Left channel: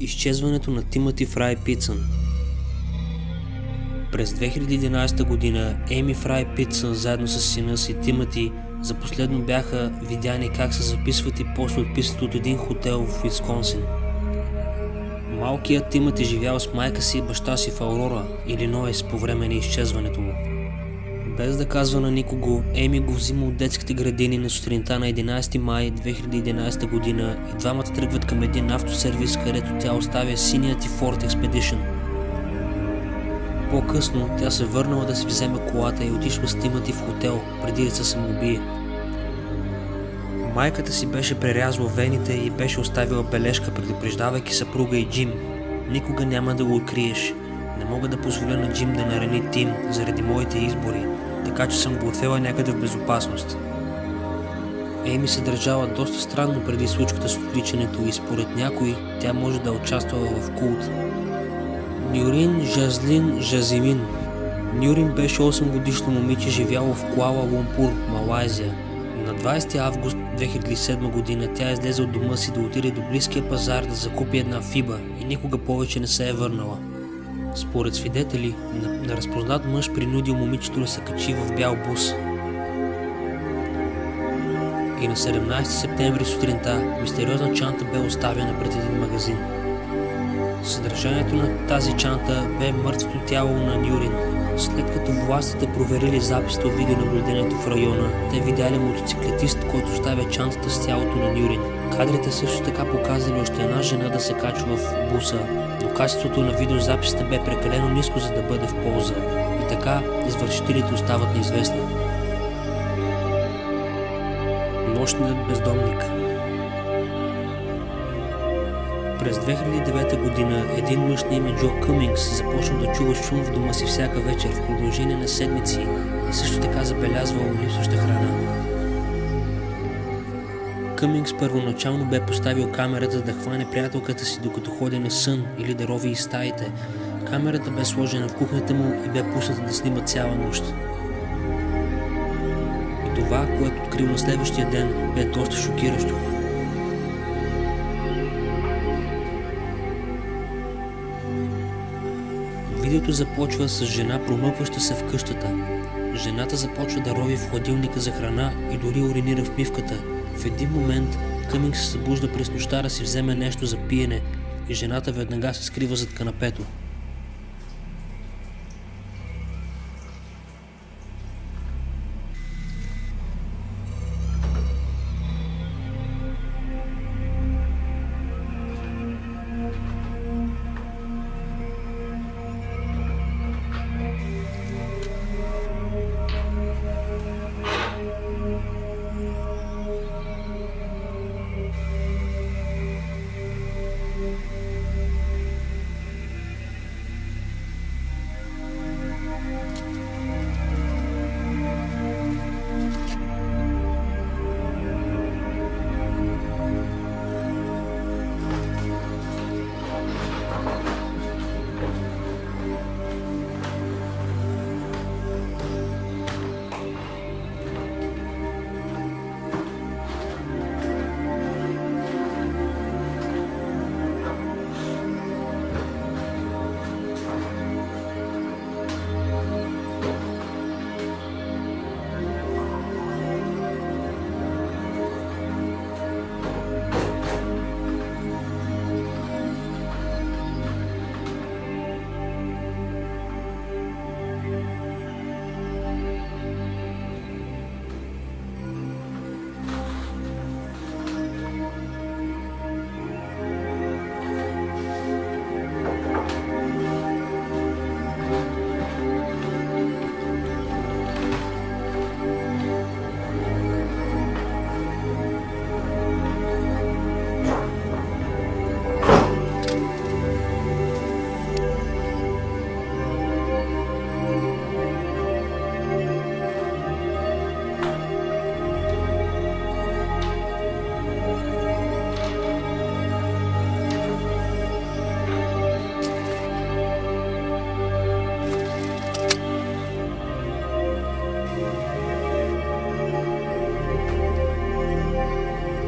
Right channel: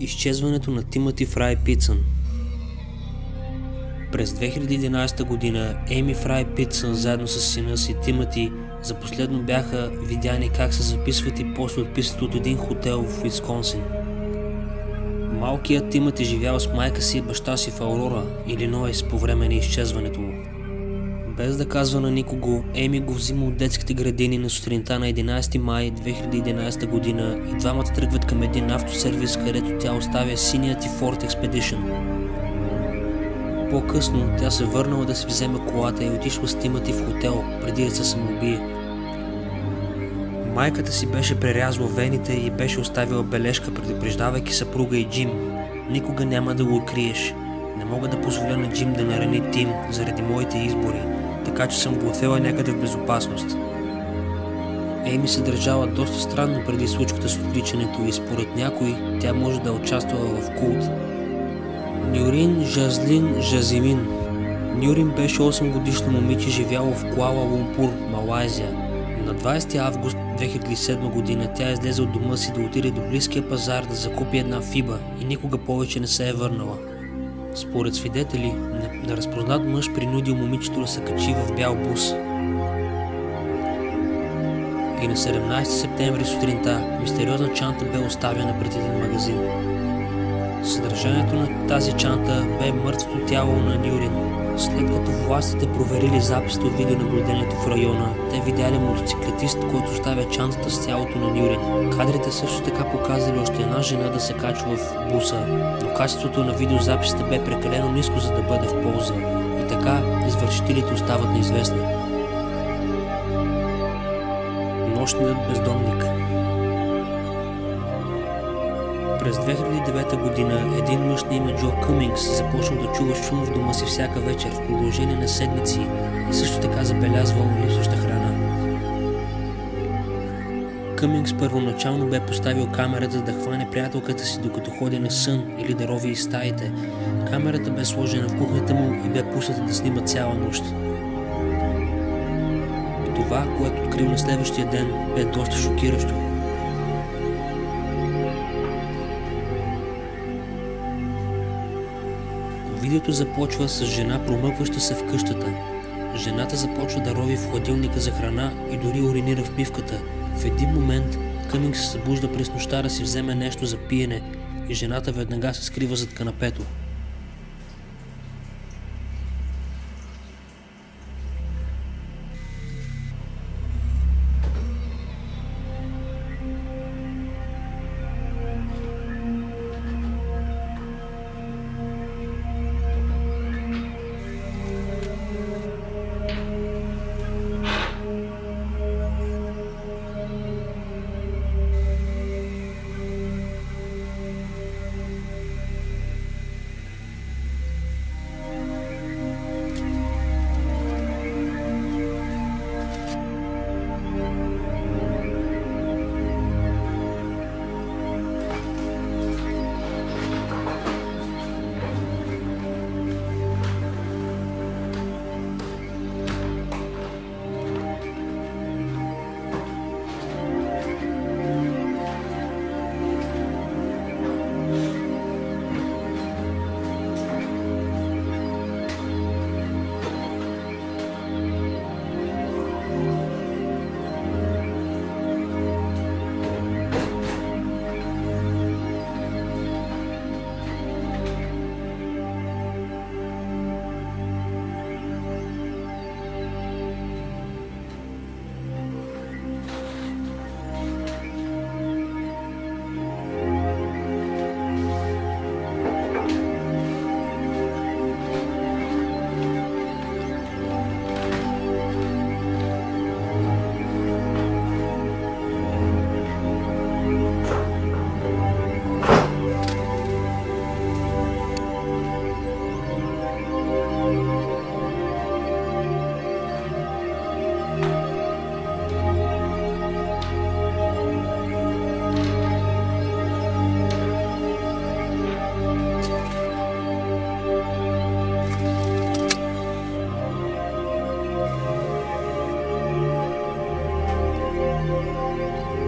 Изчезването на Тимати Фрай Питсън. През 2011 година Еми Фрай Питсън заедно с сина си Тимати за последно бяха видяни как се записват и после отписват от един хотел в Уисконсин. Малкият Тимати живял с майка си и баща си в Аурора, Илинойс по време на изчезването му. Без да казва на никого, Еми го взима от детските градини на сутринта на 11 май 2011 година и двамата тръгват към един автосервис, където тя оставя синият и Ford Expedition. По-късно тя се върнала да си вземе колата и отишла с Тимати в хотел, преди да се самоубие. Майката си беше прерязала вените и беше оставила бележка, предупреждавайки съпруга и Джим: "Никога няма да го откриеш. Не мога да позволя на Джим да нарани Тим заради моите избори, така че съм го отвела някъде в безопасност." Еми се държала доста странно преди случката с отвличането и според някой тя може да е участвала в култ. Нюрин Жазлин Жазимин. Нюрин беше 8-годишно момиче, живяло в Куала Лумпур, Малайзия. На 20 август 2007 година тя излезе от дома си да отиде до близкия пазар да закупи една фиба и никога повече не се е върнала. Според свидетели, неразпознат мъж принудил момичето да се качи в бял бус. И на 17 септември сутринта мистериозна чанта бе оставена пред един магазин. Съдържанието на тази чанта бе мъртвото тяло на Нюрин. След като властите проверили записите от видеонаблюдението в района, те видяли мотоциклетист, който оставя чантата с тялото на Нюрин. Кадрите също така показали още една жена да се качва в буса, но качеството на видеозаписите бе прекалено ниско, за да бъде в полза. И така извършителите остават неизвестни. Нощният бездомник. През 2009 година един мъж на име Джо Къмингс започнал да чува шум в дома си всяка вечер в продължение на седмици и също така забелязвал липсваща храна. Къмингс първоначално бе поставил камерата да хване приятелката си докато ходи на сън или да рови из стаите. Камерата бе сложена в кухнята му и бе пусната да снима цяла нощ. И това, което открил на следващия ден, бе доста шокиращо. Видеото започва с жена, промъкваща се в къщата. Жената започва да рови в хладилника за храна и дори уринира в мивката. В един момент Къмингс се събужда през нощта да си вземе нещо за пиене и жената веднага се скрива зад канапето.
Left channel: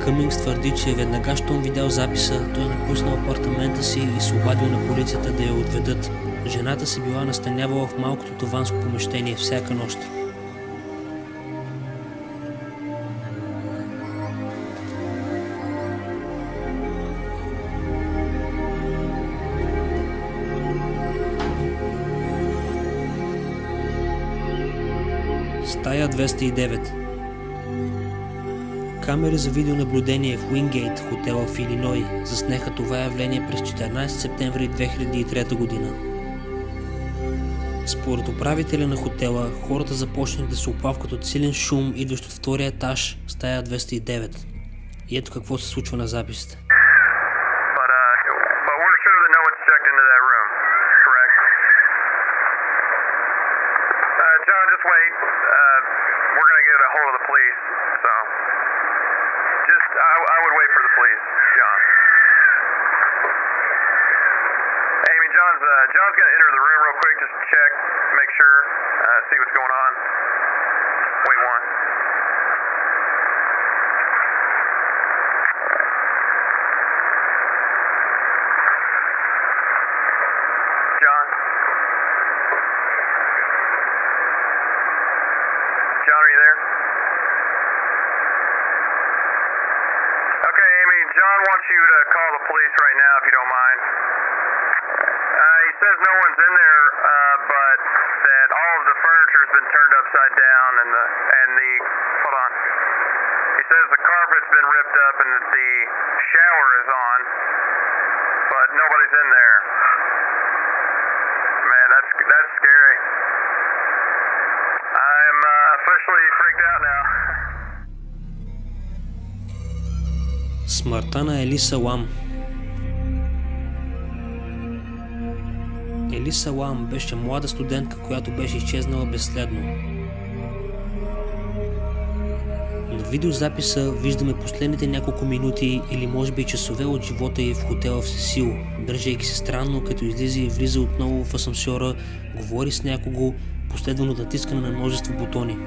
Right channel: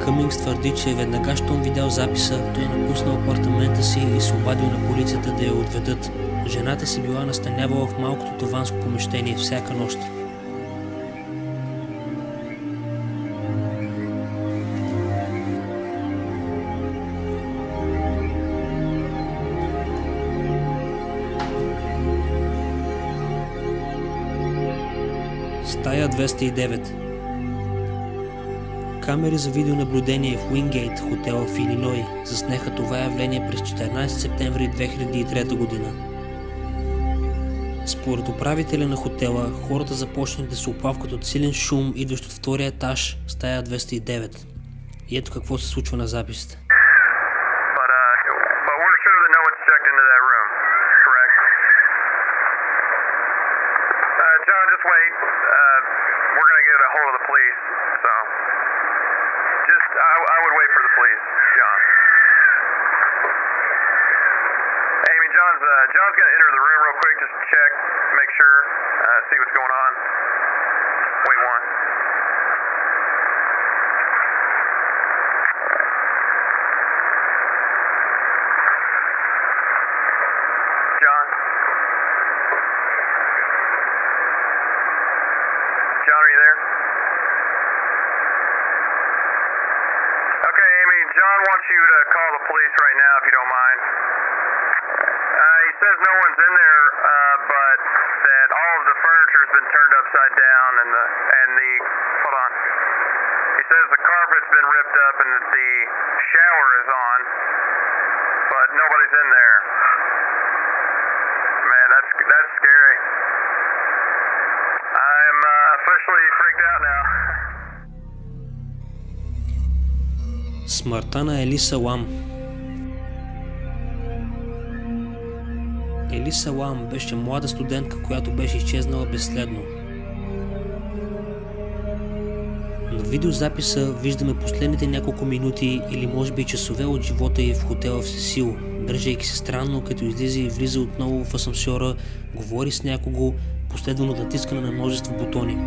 Къмингс твърди, че веднага щом видял записа, той е напуснал апартамента си и се обадил на полицията да я отведат. Жената се била настанявала в малкото таванско помещение всяка нощ. Стая 209. Камери за видеонаблюдение в Уингейт, хотела в Илиной, заснеха това явление през 14 септември 2003 година. Според управителя на хотела, хората започнали да се оплавкат от силен шум, идващ от втория етаж, стая 209. И ето какво се случва на записите. I would wait for the police, John. Amy, John's gonna enter the room real quick, just check, make sure, see what's going on. Wait one. John? John, are you there? Okay, Amy, John wants you to call the police right now if you don't mind. He says no one's in there, but that all of the furniture's been turned upside down and the hold on. He says the carpet's been ripped up and that the shower is on, but nobody's in there. Man, that's scary. I'm officially freaked out now. Смъртта на Елиса Лам. Елиса Лам беше млада студентка, която беше изчезнала безследно. На видеозаписа виждаме последните няколко минути или може би часове от живота й в хотела в Сесил, държейки се странно, като излиза и влиза отново в асансьора, говори с някого, последвано от натискане на множество бутони.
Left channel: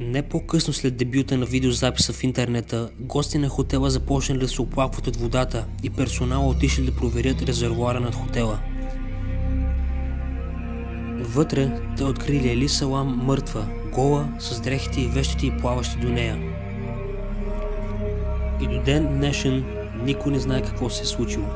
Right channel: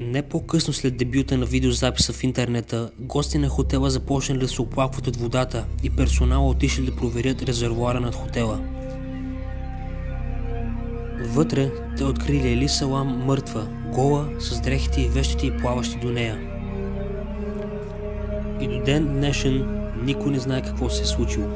Не по-късно след дебюта на видеозаписа в интернета, гости на хотела започнали да се оплакват от водата и персонала отишли да проверят резервоара над хотела. Вътре те открили Ели Салам мъртва, гола, с дрехите и вещите й плаващи до нея. И до ден днешен никой не знае какво се е случило.